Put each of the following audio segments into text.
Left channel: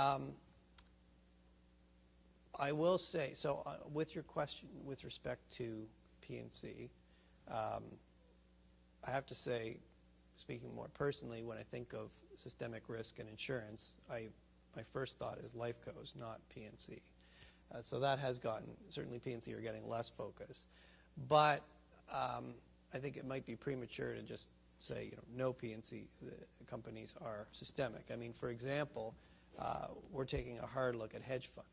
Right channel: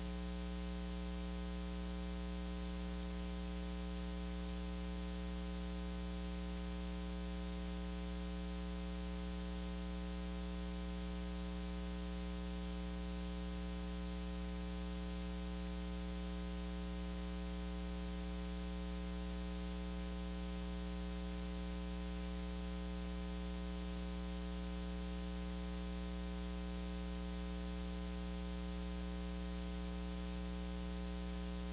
Um, I will say, so with your question with respect to PNC, I have to say, speaking more personally, when I think of systemic risk and insurance, my first thought is life goes, not PNC. So that has gotten, certainly PNC are getting less focused. But I think it might be premature to just say, no PNC companies are systemic. I mean, for example, we're taking a hard look at hedge funds.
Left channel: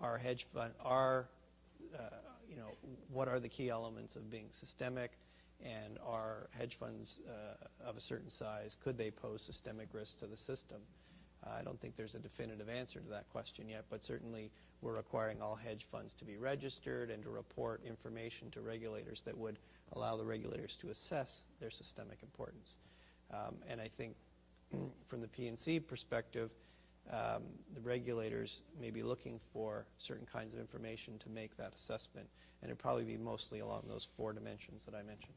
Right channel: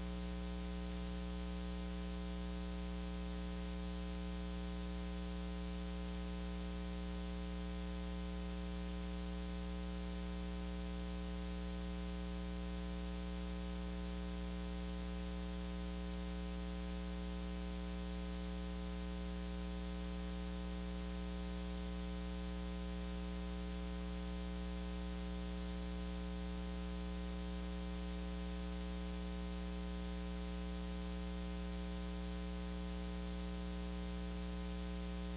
Our hedge fund, what are the key elements of being systemic, and are hedge funds of a certain size, could they pose systemic risk to the system? I don't think there's a definitive answer to that question yet, but certainly we're requiring all hedge funds to be registered and to report information to regulators that would allow the regulators to assess their systemic importance. And I think from the PNC perspective, the regulators may be looking for certain kinds of information to make that assessment, and it'd probably be mostly along those 4 dimensions that I mentioned.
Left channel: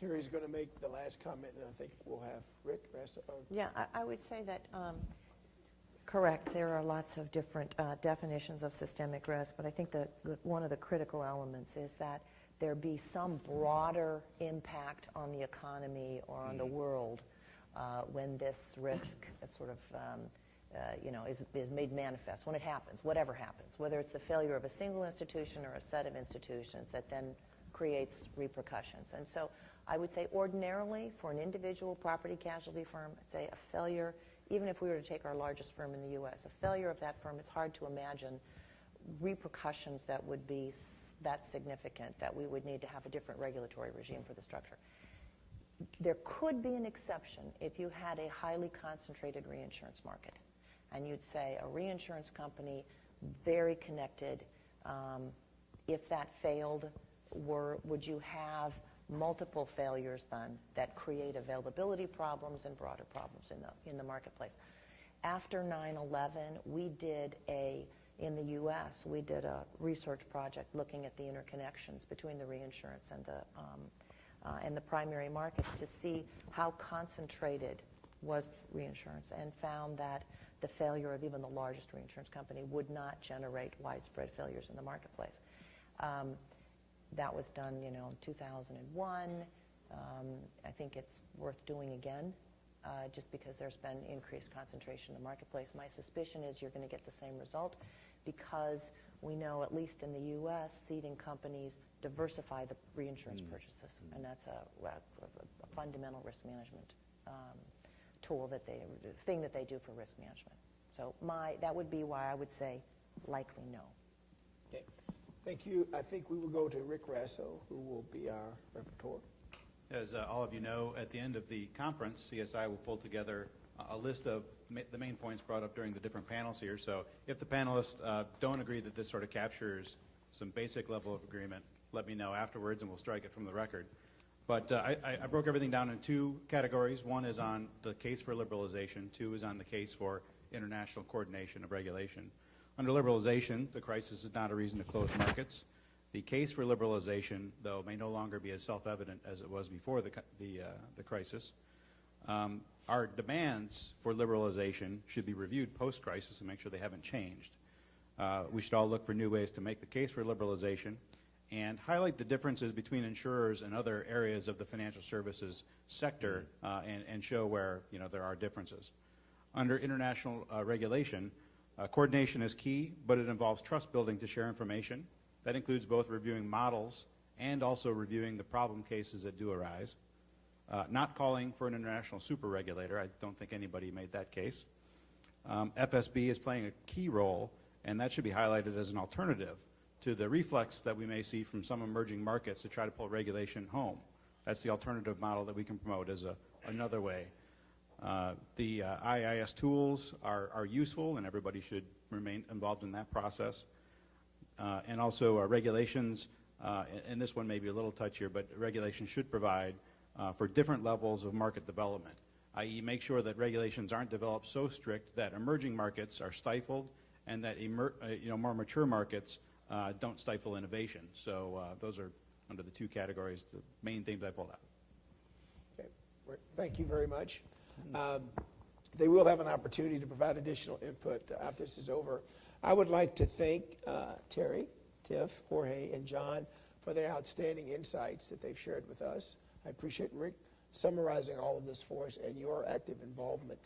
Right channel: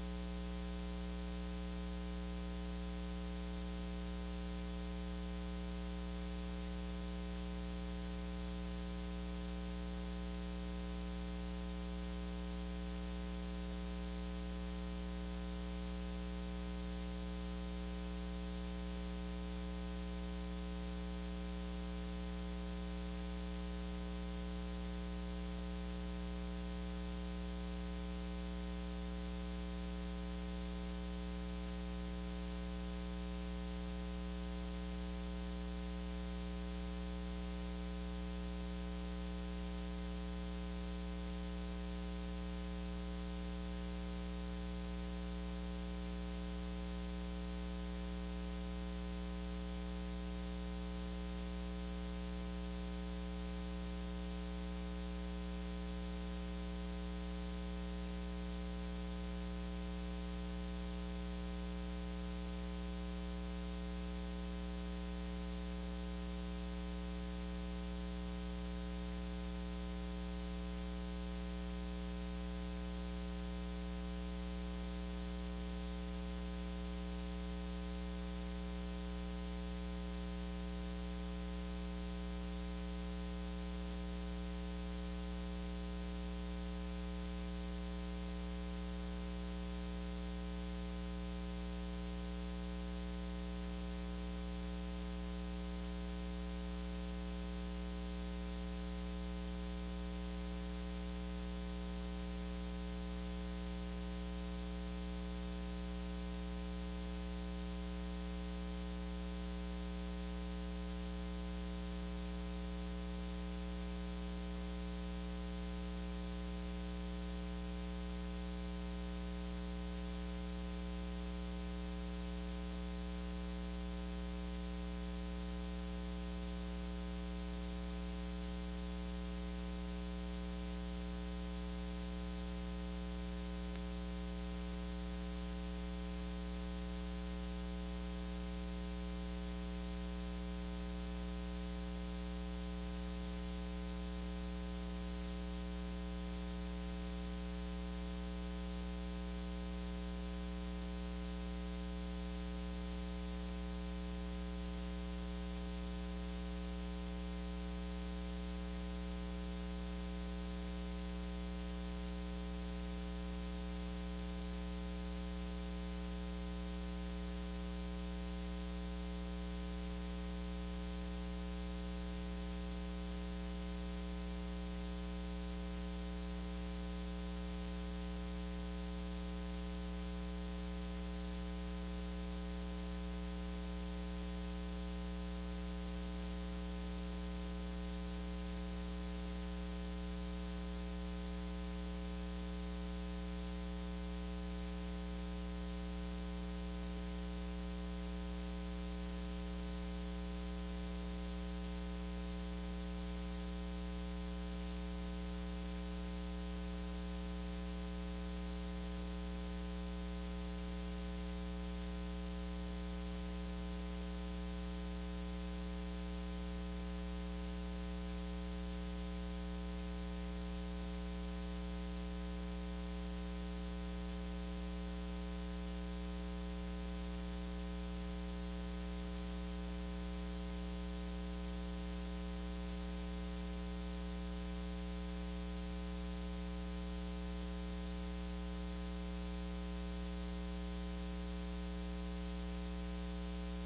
Terry's going to make the last comment, and I think we'll have Rick answer. Yeah, I would say that, correct, there are lots of different definitions of systemic risk, but I think that one of the critical elements is that there be some broader impact on the economy or on the world when this risk sort of is made manifest, when it happens, whatever happens, whether it's the failure of a single institution or a set of institutions that then creates repercussions. And so I would say ordinarily for an individual property casualty firm, say a failure, even if we were to take our largest firm in the U.S., a failure of that firm, it's hard to imagine repercussions that would be that significant that we would need to have a different regulatory regime for the structure. There could be an exception if you had a highly concentrated reinsurance market, and you'd say a reinsurance company, very connected, if that failed, would you have multiple failures then that create availability problems and broader problems in the marketplace? After 9/11, in the U.S., we did a research project looking at the interconnections between the reinsurance and the primary markets to see how concentrated was reinsurance, and found that the failure of even the largest reinsurance company would not generate widespread failures in the marketplace. That was done, in 2001. I think it's worth doing again, just because there's been increased concentration in the marketplace. My suspicion is you're going to get the same result, because we know, at least in the U.S., ceding companies diversify the reinsurance purchases, and that's a fundamental risk management tool the thing that they do for risk management. So that would be why I would say likely no. Okay. Thank you. I think we will go to Rick Rasso, who will be the report. As all of you know, at the end of the conference, CSI will pull together a list of the main points brought up during the different panels here. So if the panelists don't agree that this sort of captures some basic level of agreement, let me know afterwards and we'll strike it from the record. But I broke everything down in 2 categories. One is on the case for liberalization. 2 is on the case for international coordination of regulation. Under liberalization, the crisis is not a reason to close markets. The case for liberalization, though, may no longer be as self-evident as it was before the crisis. Our demands for liberalization should be reviewed post-crisis to make sure they haven't changed. We should all look for new ways to make the case for liberalization and highlight the differences between insurers and other areas of the financial services sector and show where there are differences. Under international regulation, coordination is key, but it involves trust building to share information. That includes both reviewing models and also reviewing the problem cases that do arise. Not calling for an international super regulator. I don't think anybody made that case. FSB is playing a key role, and that should be highlighted as an alternative to the reflex that we may see from some emerging markets to try to pull regulation home. That's the alternative model that we can promote as another way. The IIS tools are useful, and everybody should remain involved in that process. And also regulations, and this one may be a little touchier, but regulation should provide for different levels of market development, i.e. make sure that regulations aren't developed so strict that emerging markets are stifled and that more mature markets don't stifle innovation. So those are under the 2 categories, the main things I pulled out. Okay. Thank you very much. they will have an opportunity to provide additional input after this is over. I would like to thank Terry, Tiff, Jorge, and John for their outstanding insights that they've shared with us. I appreciate Rick summarizing all of this for us and your active involvement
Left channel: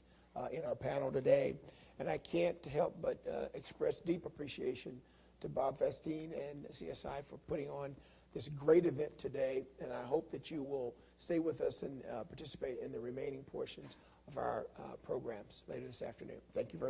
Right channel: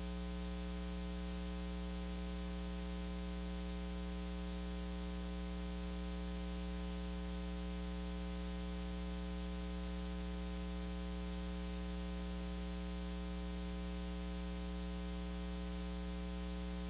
in our panel today. And I can't help but express deep appreciation to Bob Vestine and the CSI for putting on this great event today. And I hope that you will stay with us and participate in the remaining portions of our programs later this afternoon. Thank you very much.